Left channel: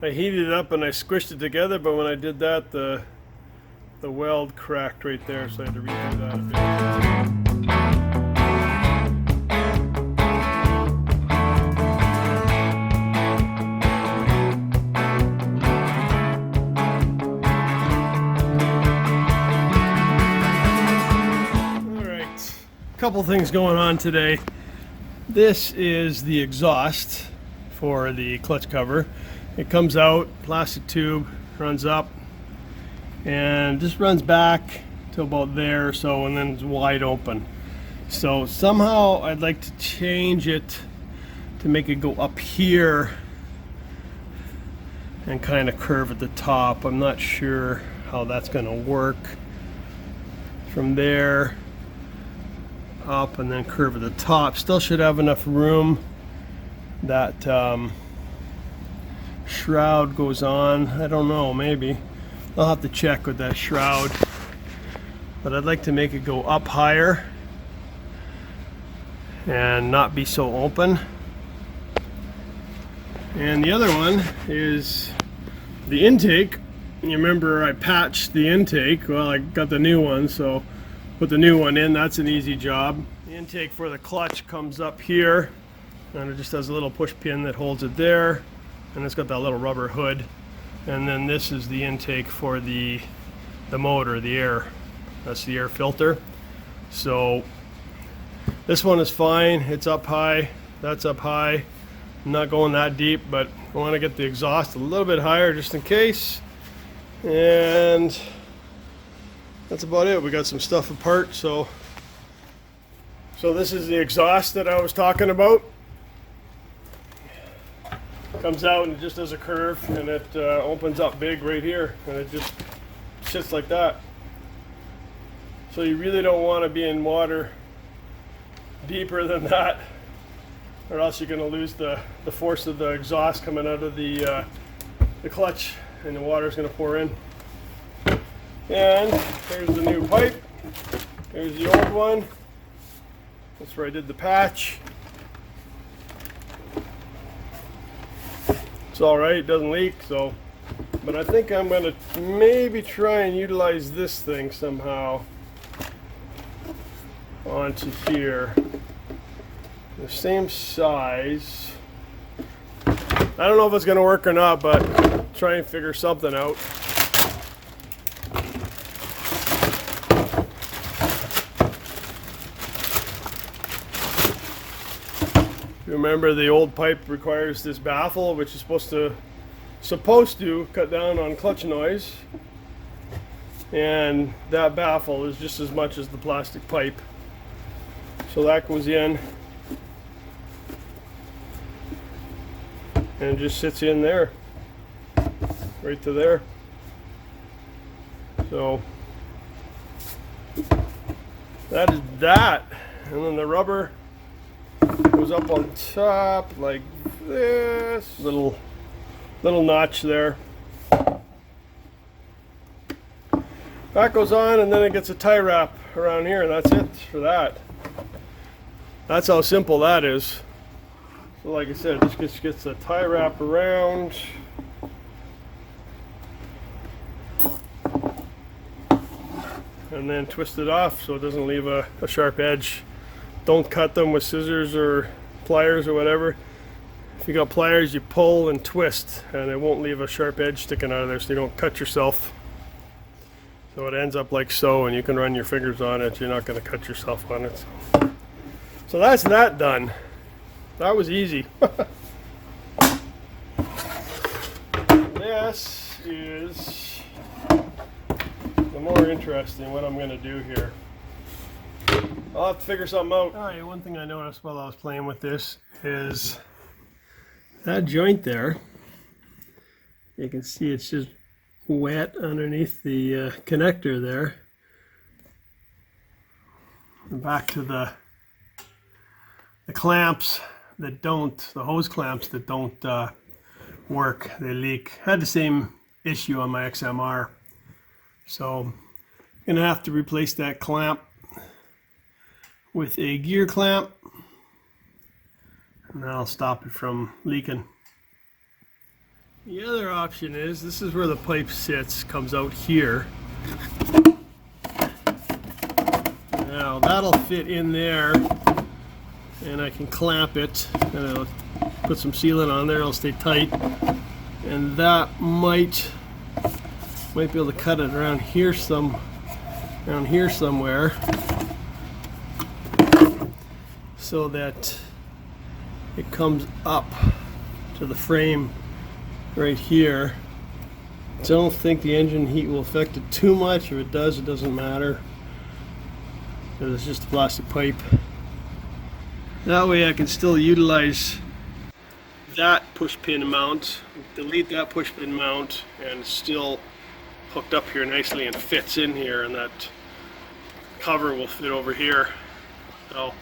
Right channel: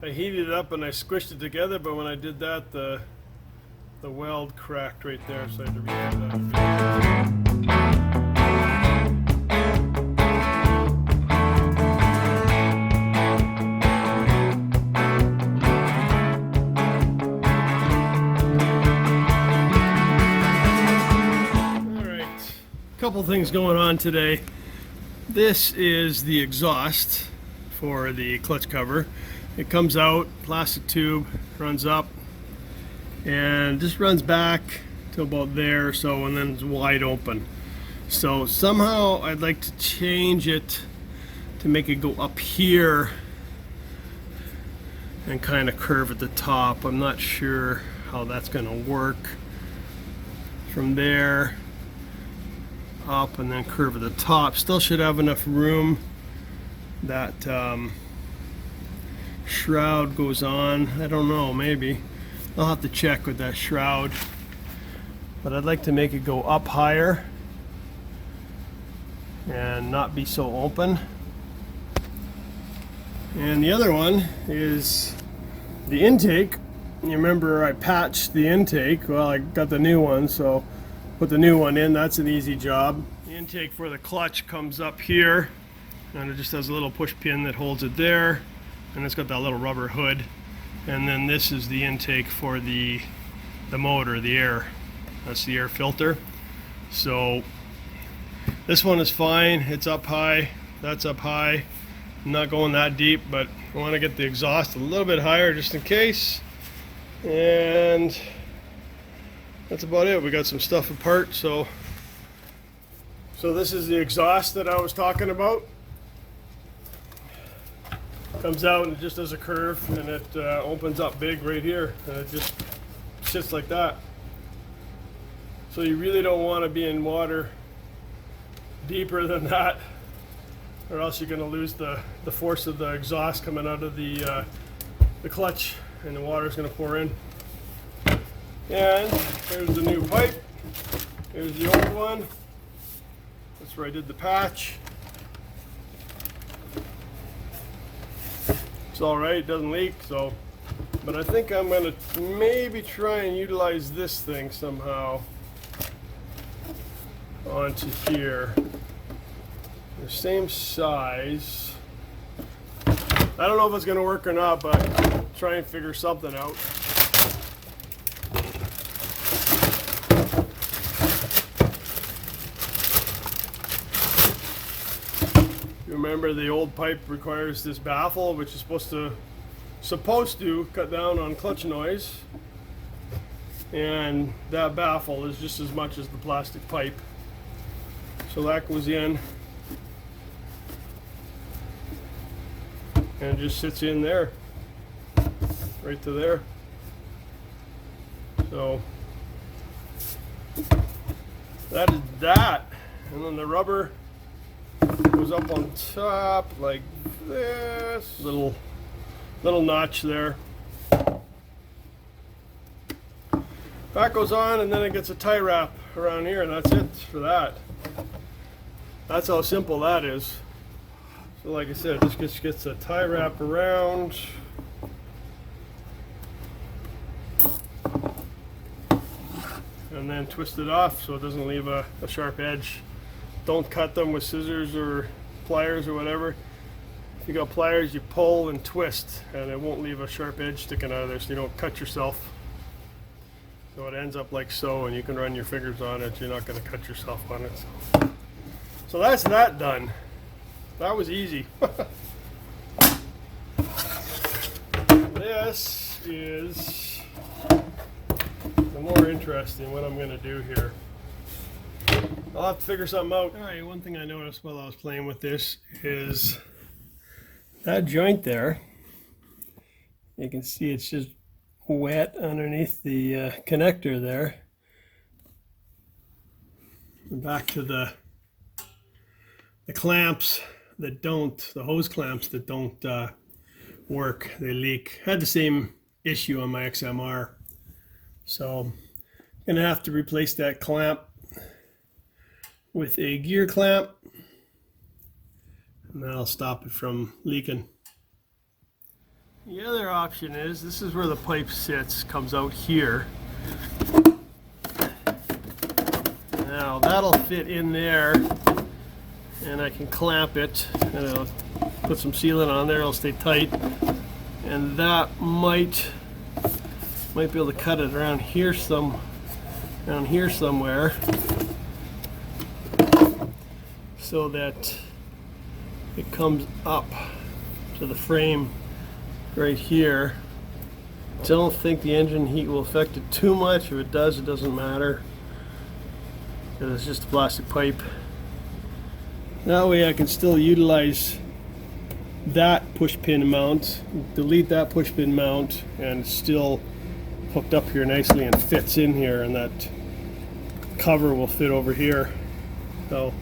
I heated it up and I squished it together, but when I did that, the weld cracked right there, so I had to redo that a bit. Alright, couple things going on today. This is the exhaust for the clutch cover. It comes out, plastic tube, runs up, and just runs back to about there or so, and then it's wide open. So somehow I'd like to change it to make it go up here and kind of curve at the top. I'm not sure how that's going to work. From there up and then curve at the top. Still should have enough room. That shroud goes on. I don't know, maybe. I'll have to check with that shroud. But I'd like to make it go up higher and not be so open. And the other one is the intake. You remember I patched the intake. Well, I got the new one, so put the new one in. That's an easy job. The intake for the clutch comes up here, and it just has a little push pin that holds it there, and it's got that little rubber hood. And then this is the intake for the motor, the air. That's the air filter. So this one is fine. It's up high. That's up high. I'm not going that deep, but I want to get the exhaust a little bit higher just in case. And that's about it. We got some stuff apart. So this is the exhaust that I was talking about. Comes out and it just does a curve, and it opens up big right here, and it just sits like that. So you really don't want to be in water deeper than that, or else you're going to lose the force of the exhaust coming out of the clutch, and the water is going to pour in. And there's the new pipe. There's the old one. That's where I did the patch. It's all right, it doesn't leak, so. But I think I'm going to maybe try and utilize this thing somehow onto here. The same size. I don't know if it's going to work or not, but try and figure something out. Remember, the old pipe requires this baffle, which is supposed to cut down on clutch noise, and that baffle is just as much as the plastic pipe. So that goes in and it just sits in there, right to there. So that is that, and then the rubber goes up on top like this, little notch there. That goes on, and then it gets a tie wrap around here, and that's it for that. That's how simple that is. So like I said, it just gets a tie wrap around. And then twist it off so it doesn't leave a sharp edge. Don't cut them with scissors or pliers or whatever. If you got pliers, you pull and twist, and it won't leave a sharp edge sticking out of there, so you don't cut yourself. So it ends up like so, and you can run your fingers on it. You're not going to cut yourself on it. So that's that done. That was easy. This is the more interesting, what I'm going to do here. I'll have to figure something out. Alright, one thing I noticed while I was playing with this is that joint there. You can see it's just wet underneath the connector there. And back to the clamps that don't, the hose clamps that don't work, they leak. I had the same issue on my XMR. So I'm gonna have to replace that clamp with a gear clamp, and that'll stop it from leaking. The other option is, this is where the pipe sits, comes out here. Now that'll fit in there, and I can clamp it, and it'll put some sealant on there, it'll stay tight, and that might be able to cut it around here somewhere, so that it comes up to the frame right here. I don't think the engine heat will affect it too much. If it does, it doesn't matter, because it's just a plastic pipe. That way I can still utilize that push pin mount, delete that push pin mount, and it's still hooked up here nicely and fits in here, and that cover will fit over here. So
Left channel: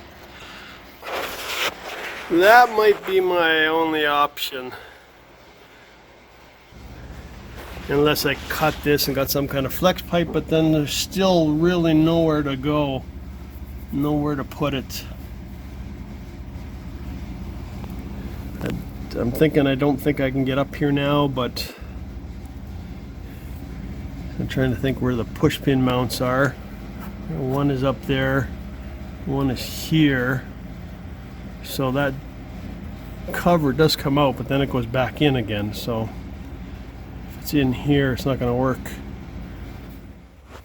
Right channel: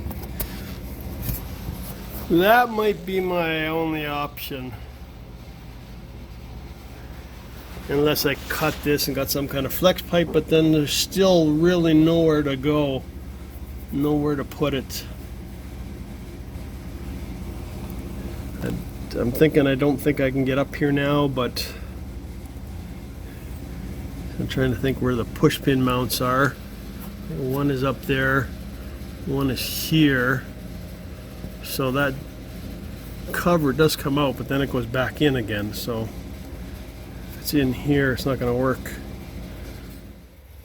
that might be my only option, unless I cut this and got some kind of flex pipe, but then there's still really nowhere to go, nowhere to put it. I'm thinking, I don't think I can get up here now, but I'm trying to think where the push pin mounts are. One is up there, one is here. So that cover does come out, but then it goes back in again. So if it's in here, it's not going to work.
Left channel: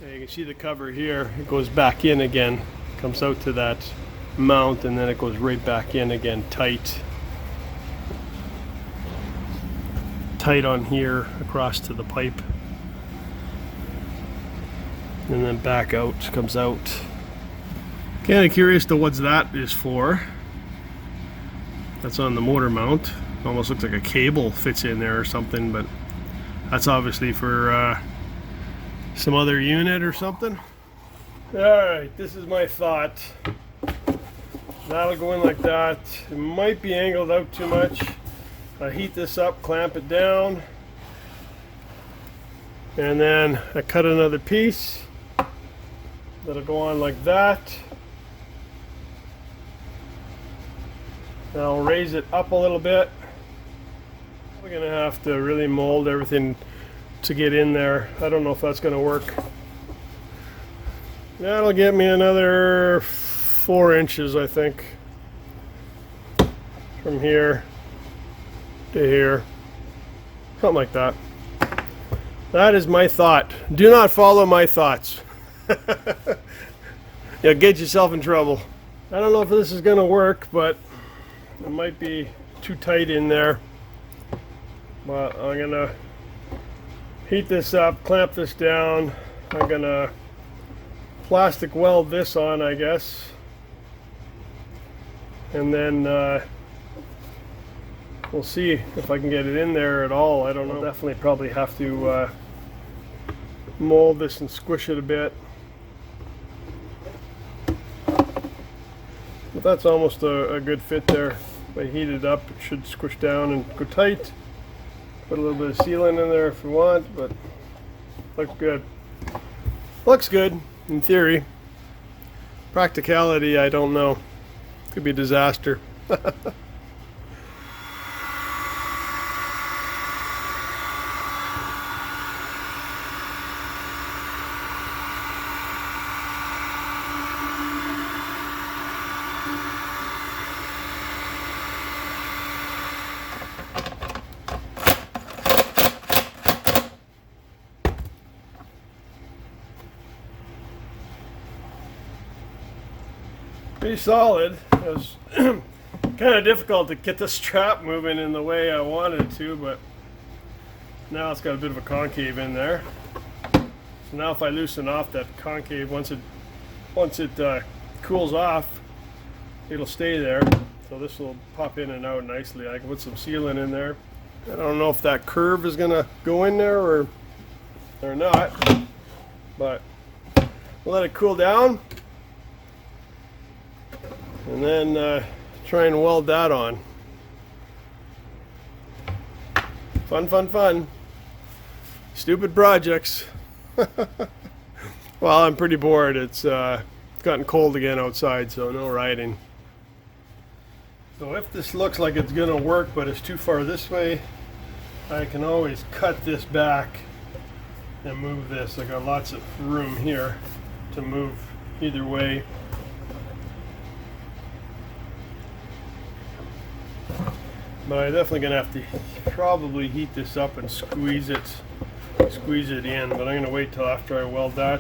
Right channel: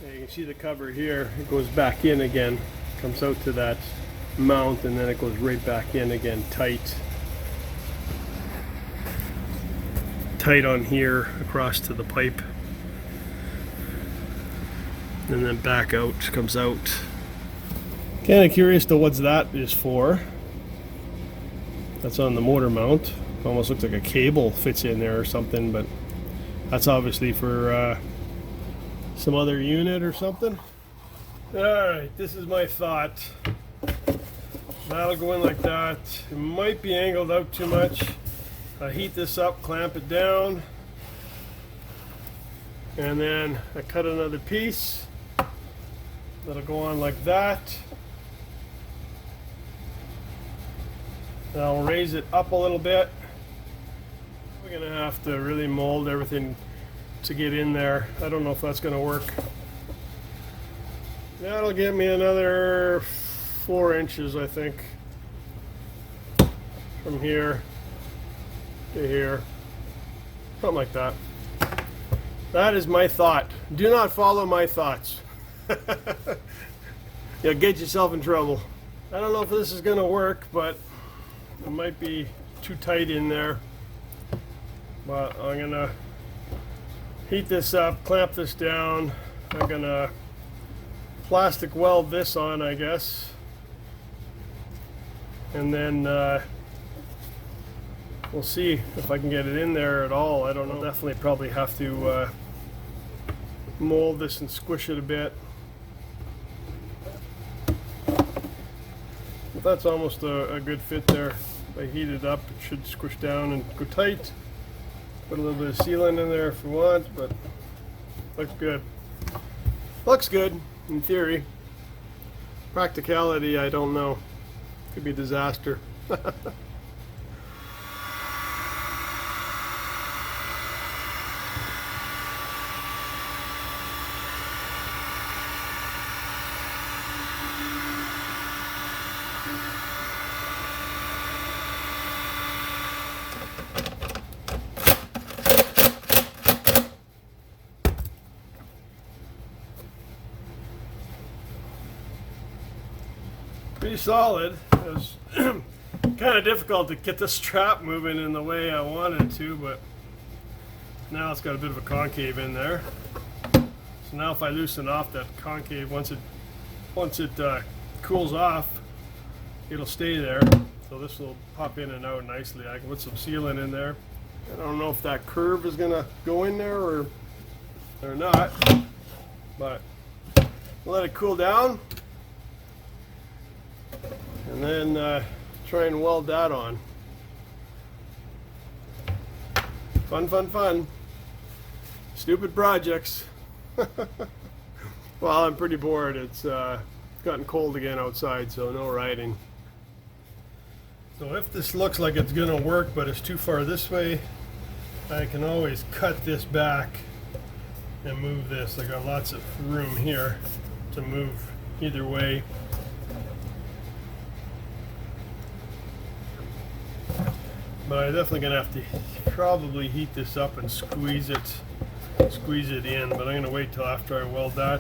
Okay, you can see the cover here. It goes back in again, comes out to that mount, and then it goes right back in again, tight on here across to the pipe, and then back out, comes out. Kind of curious to what that is for. That's on the motor mount. It almost looks like a cable fits in there or something, but that's obviously for some other unit or something. Alright, this is my thought. That'll go in like that. It might be angled out too much. I heat this up, clamp it down, and then I cut another piece that'll go on like that. And I'll raise it up a little bit. We're gonna have to really mold everything to get in there. I don't know if that's gonna work. That'll get me another 4 inches, I think, from here to here, something like that. That is my thought. Do not follow my thoughts. You'll get yourself in trouble. I don't know if this is gonna work, but it might be too tight in there. But I'm gonna heat this up, clamp this down. I'm gonna plastic weld this on, I guess, and then we'll see if I can get it in there at all. I don't know. I'll definitely probably have to mold this and squish it a bit. But that's almost a good fit there. If I heat it up, it should squish down and go tight. Put a little bit of sealant in there if you want, but looks good. Looks good in theory. Practicality, I don't know. Could be a disaster. Pretty solid. It was kind of difficult to get the strap moving in the way I wanted to, but now it's got a bit of a concave in there. So now if I loosen off that concave, once it cools off, it'll stay there. So this will pop in and out nicely. I can put some sealant in there. I don't know if that curve is gonna go in there or not, but we'll let it cool down, and then try and weld that on. Fun. Stupid projects. Well, I'm pretty bored. It's gotten cold again outside, so no riding. So if this looks like it's gonna work, but it's too far this way, I can always cut this back and move this. I got lots of room here to move either way. But I'm definitely gonna have to probably heat this up and squeeze it in, but I'm gonna wait till after I weld that.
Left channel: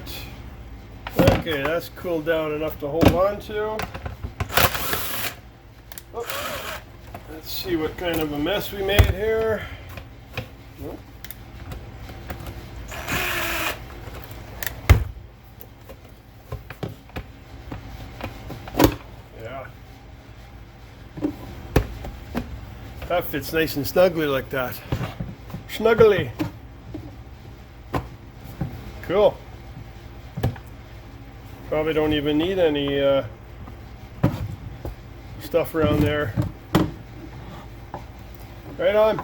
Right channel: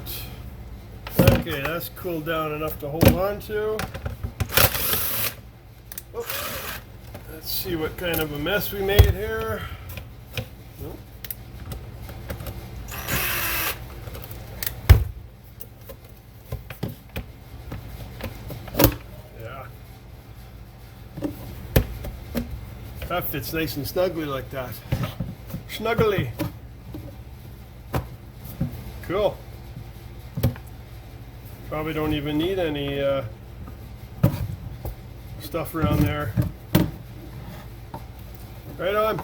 Okay, that's cooled down enough to hold on to. Oh, let's see what kind of a mess we made here. Nope. Yeah. That fits nice and snugly like that. Snuggly. Cool. Probably don't even need any stuff around there. Right on.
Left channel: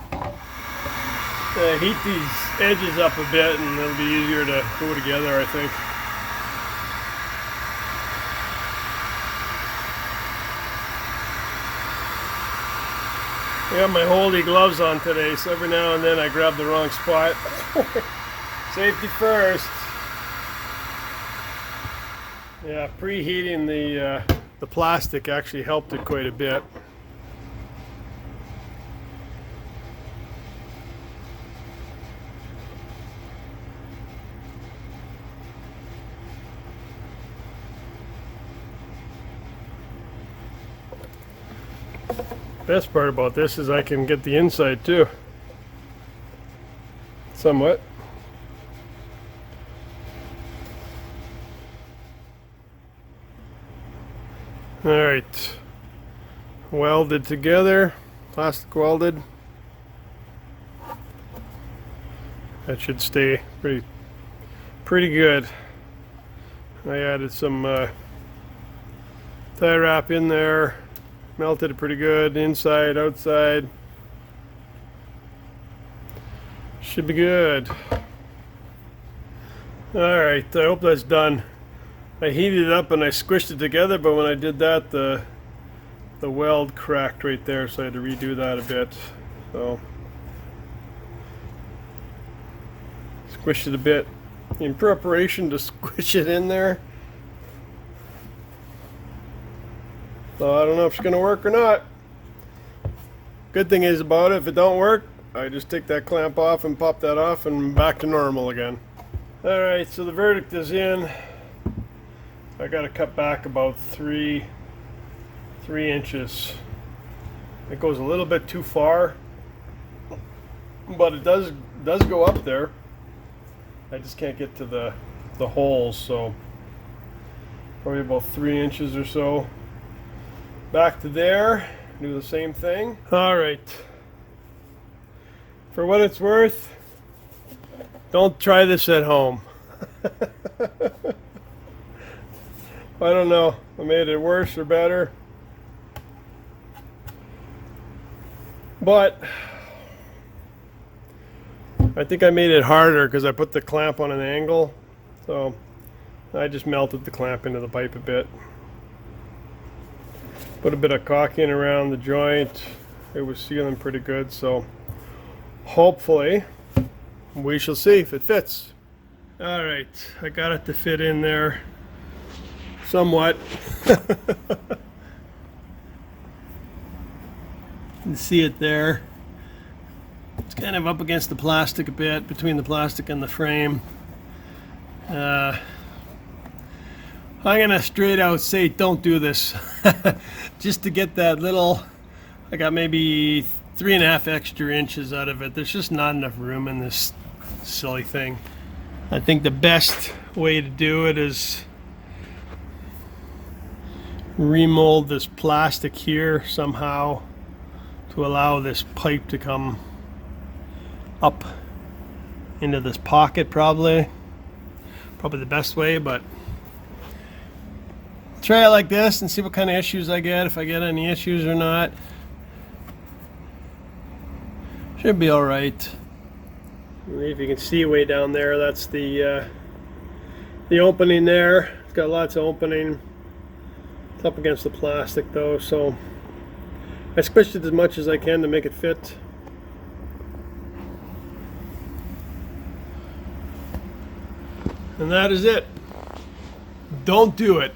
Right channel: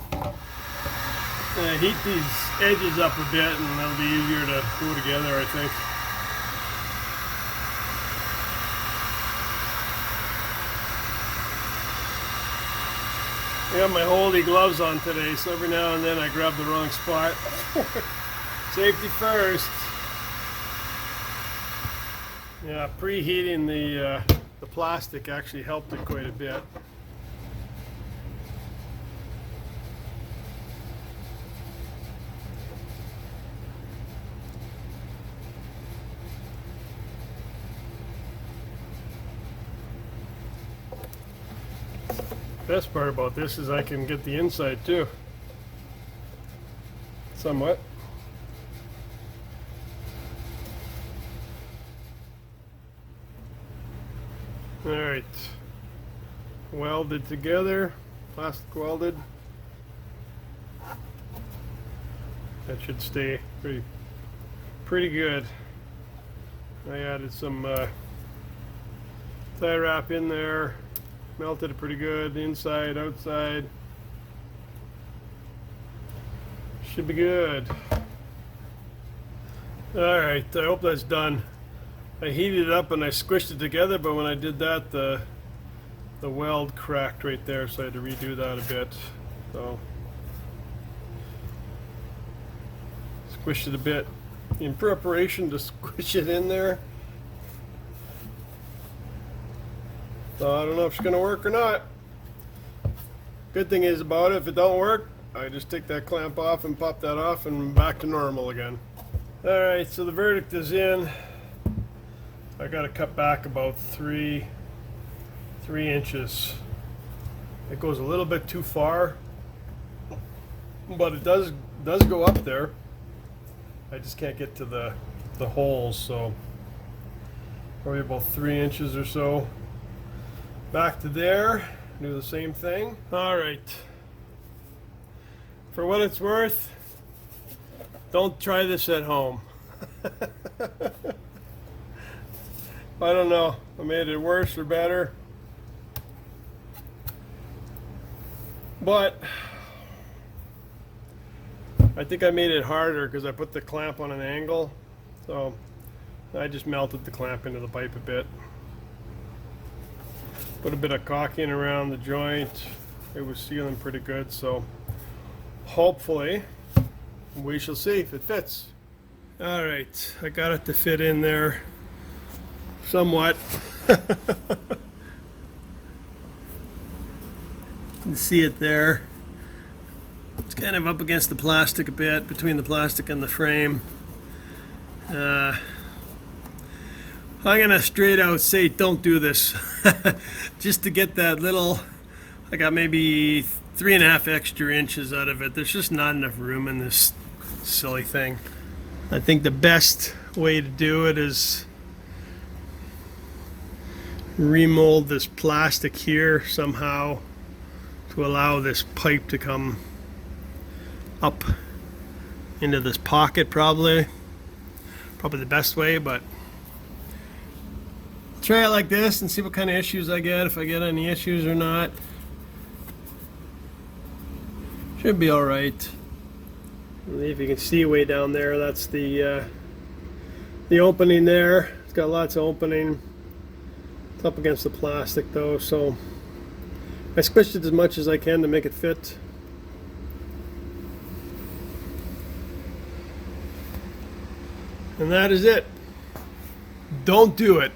Heat these edges up a bit and it'll be easier to glue together, I think. I got my holdy gloves on today, so every now and then I grab the wrong spot. Safety first. Yeah, preheating the plastic actually helped it quite a bit. Best part about this is I can get the inside too. Somewhat. Alright. Welded together. Plastic welded. That should stay pretty good. I added some tie wrap in there. Melted it pretty good, inside, outside. Should be good. Alright, I hope that's done. I heated it up and I squished it together, but when I did that, the weld cracked right there, so I had to redo that a bit. So, squished it a bit in preparation to squish it in there. So I don't know if it's going to work or not. Good thing is about it, if it don't work, I just take that clamp off and pop that off and back to normal again. Alright, so the verdict is in. I got to cut back about 3 inches. It goes a little bit too far, but it does go up there. I just can't get to the holes, so probably about 3 inches or so. Back to there, do the same thing. Alright, for what it's worth, don't try this at home. I don't know, I made it worse or better, but I think I made it harder because I put the clamp on an angle, so I just melted the clamp into the pipe a bit. Put a bit of caulking around the joint. It was sealing pretty good, so hopefully we shall see if it fits. Alright, I got it to fit in there somewhat. You can see it there. It's kind of up against the plastic a bit, between the plastic and the frame. I'm gonna straight out say don't do this. Just to get that little, I got maybe 3.5 extra inches out of it. There's just not enough room in this silly thing. I think the best way to do it is remold this plastic here somehow to allow this pipe to come up into this pocket. Probably the best way, but try it like this and see what kind of issues I get, if I get any issues or not. Should be alright. If you can see way down there, that's the opening there. It's got lots of opening. It's up against the plastic though, so I squished it as much as I can to make it fit. And that is it. Don't do it.